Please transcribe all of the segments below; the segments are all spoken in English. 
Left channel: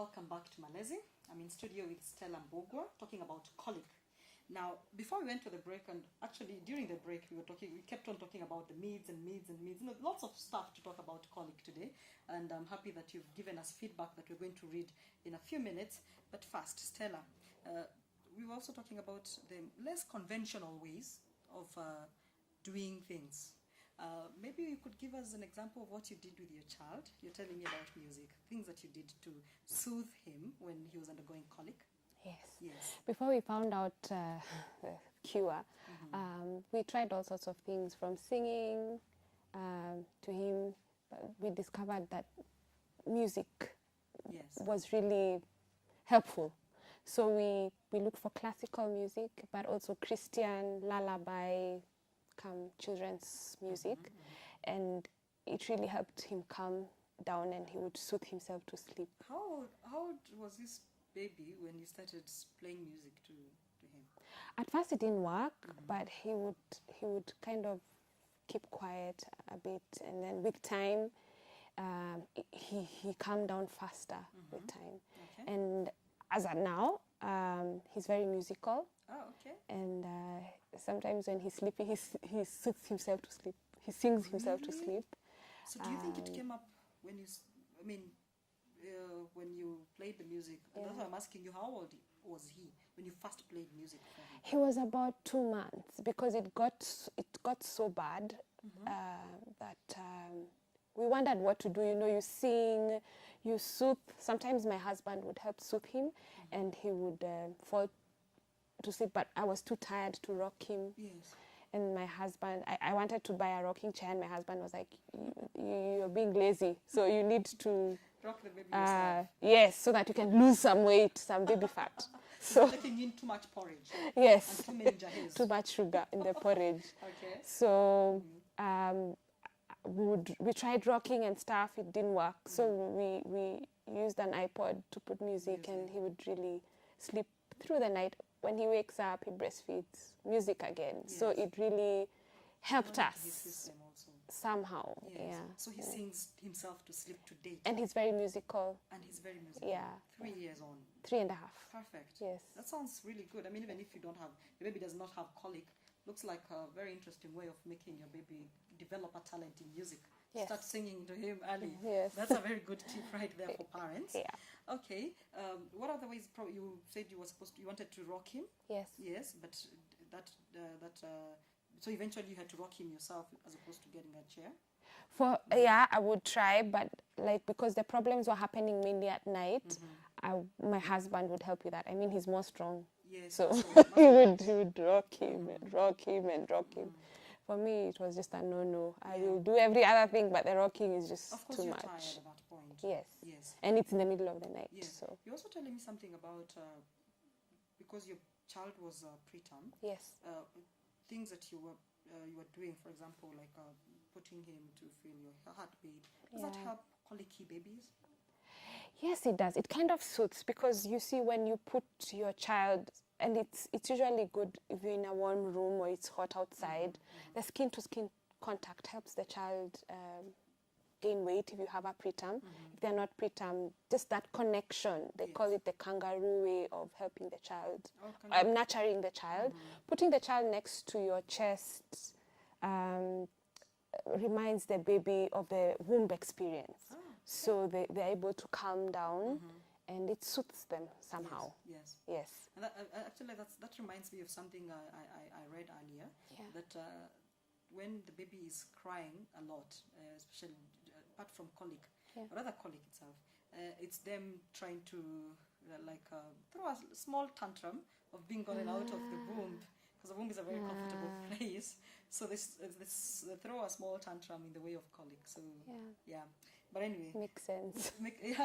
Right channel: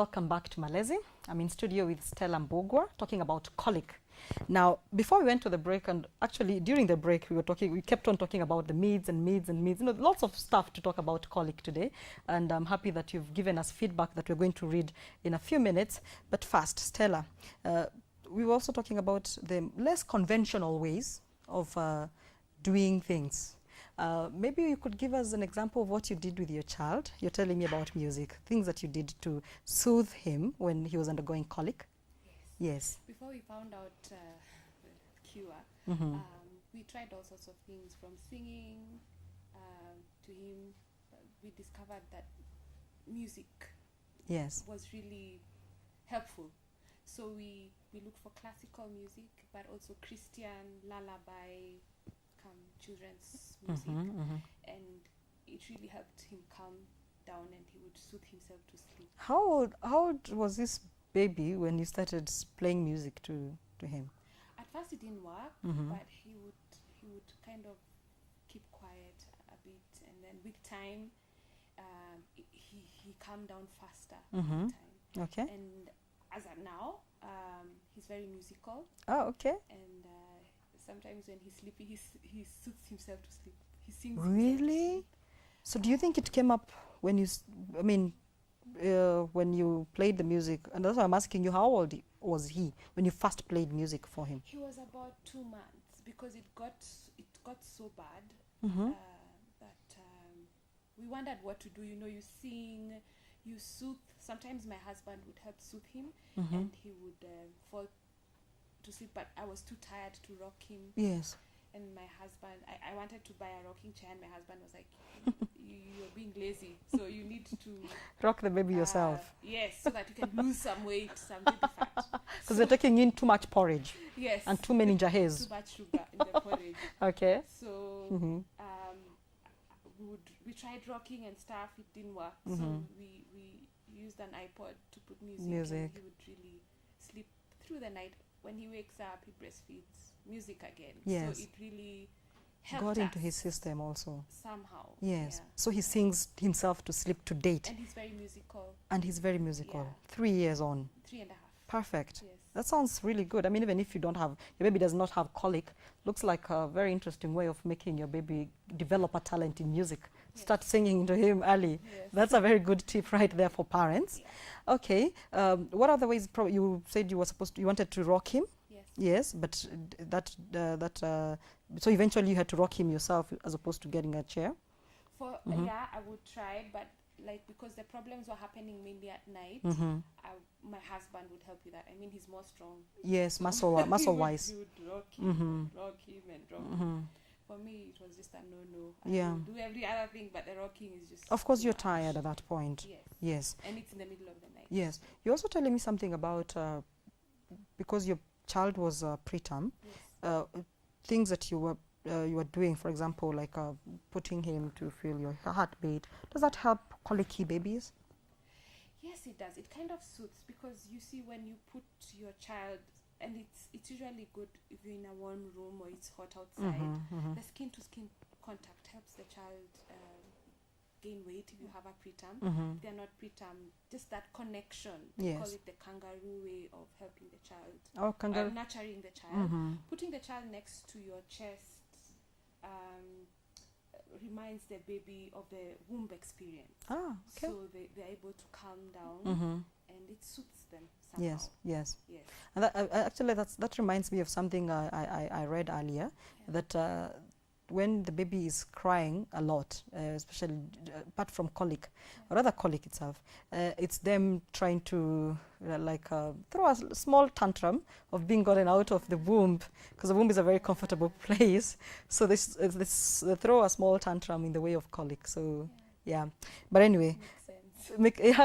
welcome back to Malezi. I'm in studio with Stella Mbugwa talking about colic. Now, before we went to the break, and actually during the break we kept on talking about the meads and meads and meads. You know, lots of stuff to talk about colic today. And I'm happy that you've given us feedback that we're going to read in a few minutes. But first, Stella, we were also talking about the less conventional ways of doing things. Maybe you could give us an example of what you did with your child. You're telling me about music, things that you did to soothe him when he was undergoing colic. Yes. Yes. Before we found out the cure, we tried all sorts of things, from singing to him. We discovered that music was really helpful. So we looked for classical music, but also Christian, lullaby, children's music, and it really helped him calm down, and he would soothe himself to sleep. How old was this baby when you started playing music to him? At first it didn't work, but he would kind of keep quiet a bit, and then with time he calmed down faster with time. Okay. And as of now, he's very musical. Oh, okay. And sometimes when he's sleeping, he soothes himself to sleep. He sings himself to sleep. So do you think it came up when you, when you played the music? And that's why I'm asking you, how old was he when you first played music for him? He was about 2 months, because it got so bad that we wondered what to do. You know, you sing, you soothe. Sometimes my husband would help soothe him, and he would fall to sleep, but I was too tired to rock him. Yes. And my husband, I wanted to buy a rocking chair, and my husband was like, you're being lazy, so you need to rock the baby yourself. Yes, so that you can lose some weight, some baby fat. So they're taking in too much porridge. Yes. And too many jahes. Too much sugar in the porridge. Okay. So we tried rocking and stuff, it didn't work. So we used an iPod to put music, and he would really sleep through the night. When he wakes up, he breastfeeds music again. Yes. So it really helped us. Into his system also. Somehow. Yes. Yeah. So he sings himself to sleep to date. And he's very musical. And he's very musical. Yeah. 3 years on. 3.5. Perfect. Yes. That sounds really good. I mean, even if you don't have, your baby does not have colic, looks like a very interesting way of making your baby develop a talent in music. Yes. Start singing to him early. Yes. That's a very good tip right there for parents. Yeah. Okay. What other ways? You said you wanted to rock him. Yes. Yes, but so eventually you had to rock him yourself as opposed to getting a chair. Yeah, I would try, but because the problems were happening mainly at night, my husband would help with that. I mean, he's more strong. Yes, so muscle wise. He would rock him, and rock him, and rock him. For me, it was just a no-no. I will do every other thing, but the rocking is just Of course, too you're much. tired at that point. Yes. Yes. And it's in the middle of the night. Yes. So. You're also telling me something about, because your child was preterm, yes. Things that you were doing, for example, like putting him to feel your heartbeat. Does that help colicky babies? Yes, it does. It kind of suits, because you see, when you put your child, and it's usually good if you're in a warm room or it's hot outside, the skin-to-skin contact helps the child gain weight if you have a preterm. If they're not preterm, just that connection, they call it the kangaroo way of helping the child. Oh, nurturing the child. Putting the child next to your chest reminds the baby of the womb experience. Ah, okay. So they're able to calm down, and it suits them somehow. Yes. And actually, that reminds me of something I read earlier, that when the baby is crying a lot, especially apart from colic, or rather colic itself, it's them trying to throw a small tantrum of being gotten out of the womb, because the womb is a very comfortable place. So they throw a small tantrum in the way of colic. So yeah, but anyway, makes sense.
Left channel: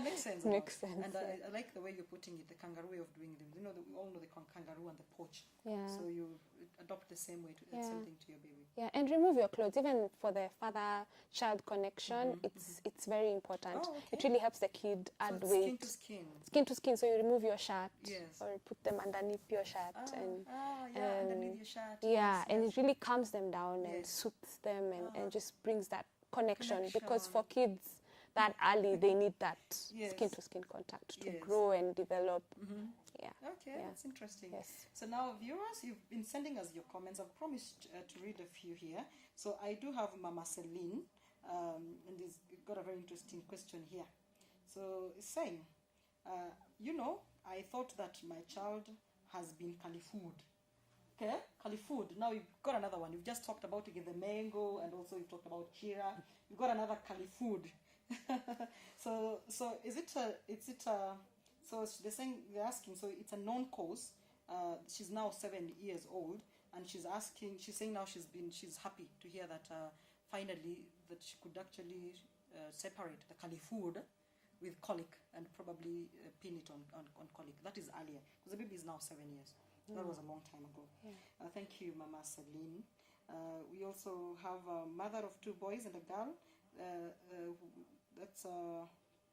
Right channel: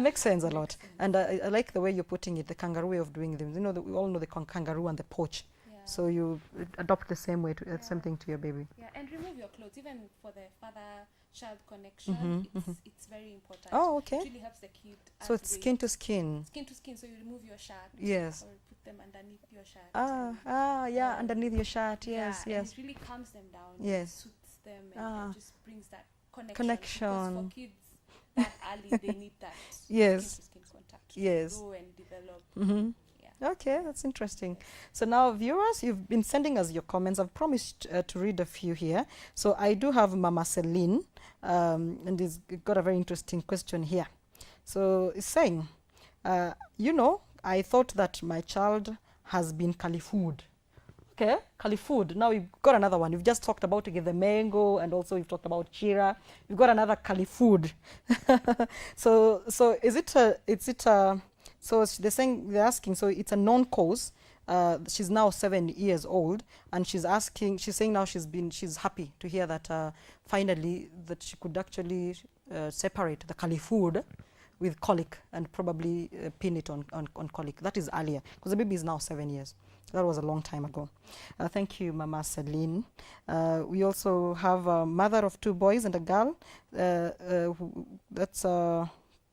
Makes sense a lot. Sense. And I like the way you're putting it, the kangaroo way of doing them. You know, we all know the kangaroo and the poach. Yeah. So you adopt the same way, same thing to your baby. Yeah, and remove your clothes. Even for the father-child connection, it's very important. Oh, okay. It really helps the kid add So it's weight. skin to skin. Skin to skin, so you remove your shirt. Yes. Or you put them underneath your shirt. Yeah, underneath your shirt. Yes, and it really calms them down and soothes them, and just brings that connection. Because for kids, that early, they need that Yes. skin-to-skin contact to Yes. grow and develop. Yeah. Okay, Yeah. that's interesting. Yes. So now, viewers, you've been sending us your comments. I've promised to read a few here. So I do have Mama Celine, and he's got a very interesting question here. So it's saying, you know, I thought that my child has been Califood. Okay, Califood. Now you've got another one. You've just talked about the mango, and also you've talked about Chira. You've got another Califood. So is it so they're asking, so it's a known cause. She's now 7 years old, and she's saying now she's happy to hear that finally that she could actually separate the Califood with colic and probably pin it on colic. That is earlier, because the baby is now 7 years. That was a long time ago. Thank you, Mama Celine. We also have a mother of 2 boys and a girl. That's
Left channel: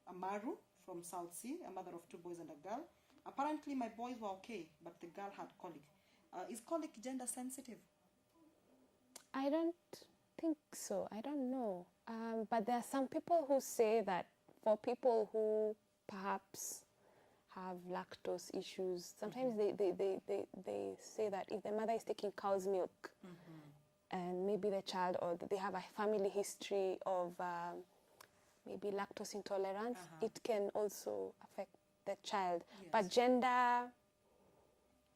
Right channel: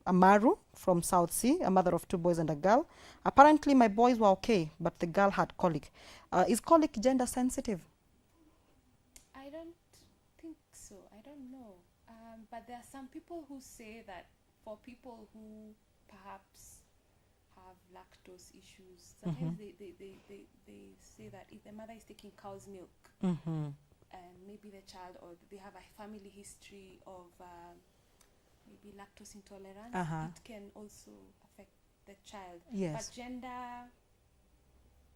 Amaru from South Sea, a mother of 2 boys and a girl. Apparently, my boys were okay, but the girl had colic. Is colic gender sensitive? I don't think so. I don't know. But there are some people who say that for people who perhaps have lactose issues, sometimes they say that if the mother is taking cow's milk and maybe the child, or they have a family history of maybe lactose intolerance, it can also affect the child. Yes. But gender,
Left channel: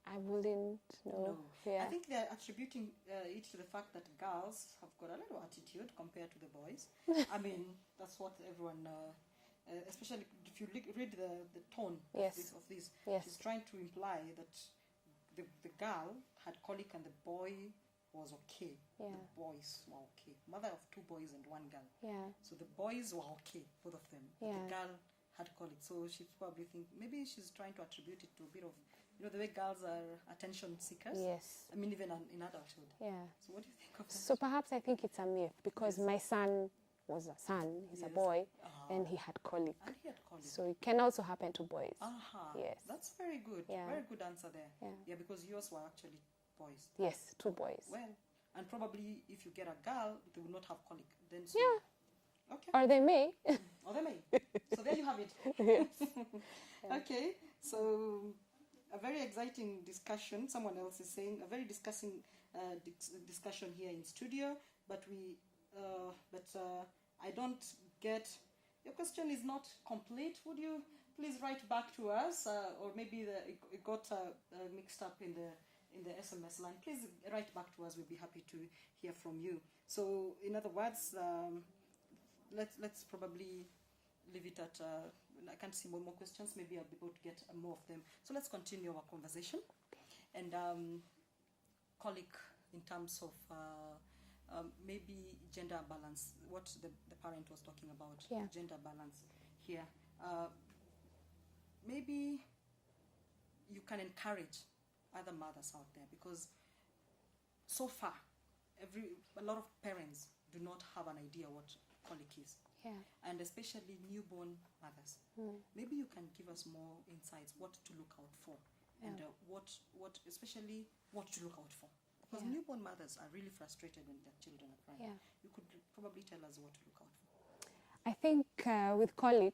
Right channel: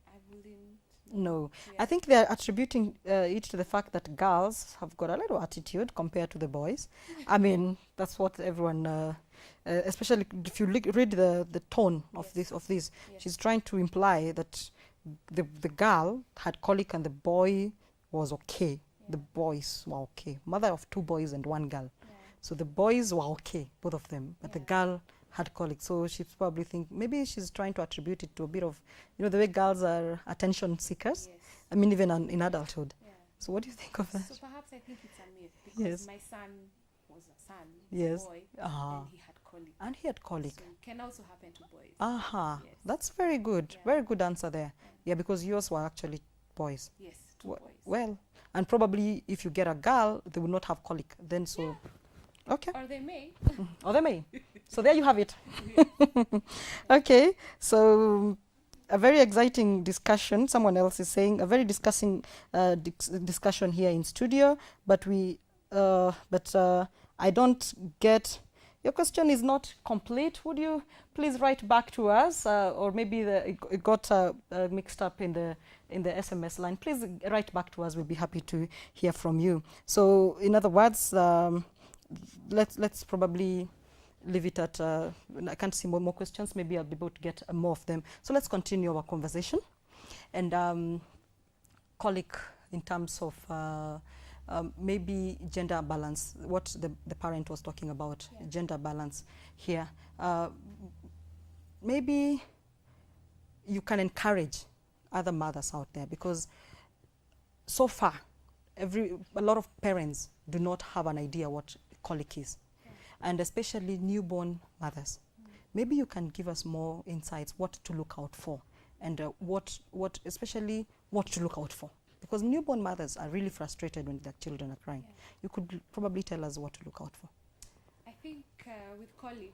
I wouldn't know. No. Yeah. I think they're attributing it to the fact that girls have got a little attitude compared to the boys. I mean, that's what everyone... especially if you read the tone of Yes. this, Yes. she's trying to imply that the girl had colic and the boy was okay. Yeah. The boys were okay. Mother of 2 boys and 1 girl. Yeah. So the boys were okay, both of them, but the Yeah. girl had colic. So she probably maybe she's trying to attribute it to a bit of, the way girls are attention seekers. Yes. I mean, even in adulthood. Yeah. So what do you think of that? So perhaps I think it's a myth, because Yes. my son was a son, he's Yes. a boy, Ah. and he had colic. And he had colic. So it can also happen to boys. Yes. Yes. That's very good. Yeah. Very good answer there. Yeah. Yeah, because yours were actually boys. Yes, 2 boys. Well, and probably if you get a girl, they will not have colic. Then so, Yeah. okay. Or they may. Or they may. So there you have it. Okay. So a very exciting discussion. Someone else is saying a very discussing discussion here in studio, but I don't get. Your question is not complete. Would you please write back to us, or maybe it got mixed up in the SMS line? Please write back to us. We'll be happy to hear from you. So, in other words, let's probably leave it at. I can't see more questions. Maybe I'll be able to get more of them. So let's continue our conversation, and colic in terms of. Maybe gender balance, what the parent was talking about, Yeah. gender balance here. Maybe you can encourage other mothers out there, because so far, a lot of parents do not have an idea what colic is, Yeah. and especially newborn mothers. Maybe you can give us more insights, what to look out for, and especially what to look out for. Because newborn mothers are really frustrated when their children are crying. Yeah. You could probably tell us what to look out for. I think with colic,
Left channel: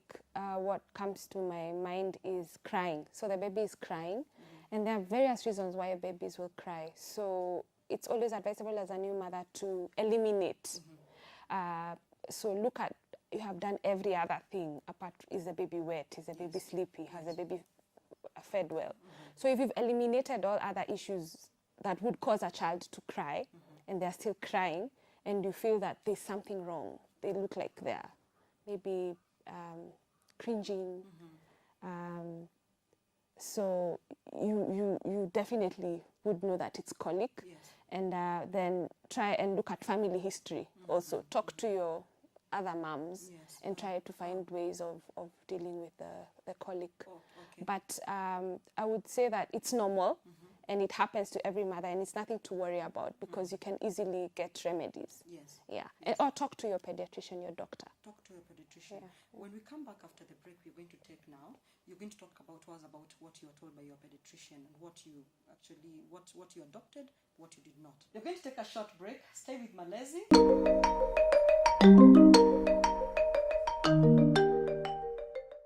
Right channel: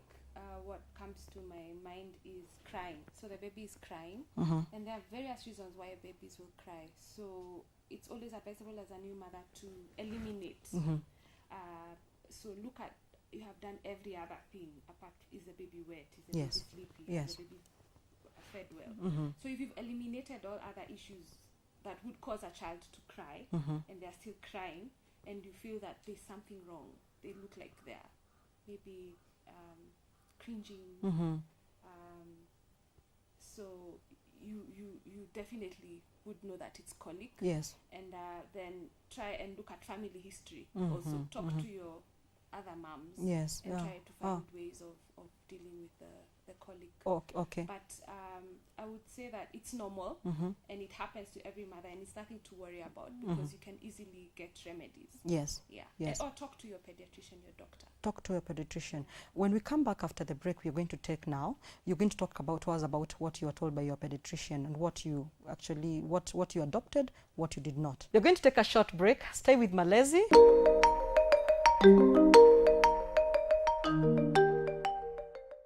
what comes to my mind is crying. So the baby is crying, and there are various reasons why babies will cry. So it's always advisable as a new mother to eliminate. So look at, you have done every other thing apart, is the baby wet, is the Yes. baby sleepy, Yes. has the baby fed well. So if you've eliminated all other issues that would cause a child to cry, and they're still crying, and you feel that there's something wrong, they look like they're maybe cringing, so you definitely would know that it's colic. Yes. And then try and look at family history. Also talk to your other moms, Yes. and Yeah. try to find ways of dealing with the colic. Oh, okay. But I would say that it's normal, and it happens to every mother, and it's nothing to worry about, because you can easily get remedies. Yes. Yeah. Yes. Or talk to your pediatrician, your doctor. Talk to a pediatrician. Yeah. When we come back after the break, we're going to take now. You're going to talk to us about what you were told by your pediatrician, and what you actually, what you adopted, what you did not. We're going to take a short break. Stay with Malezi.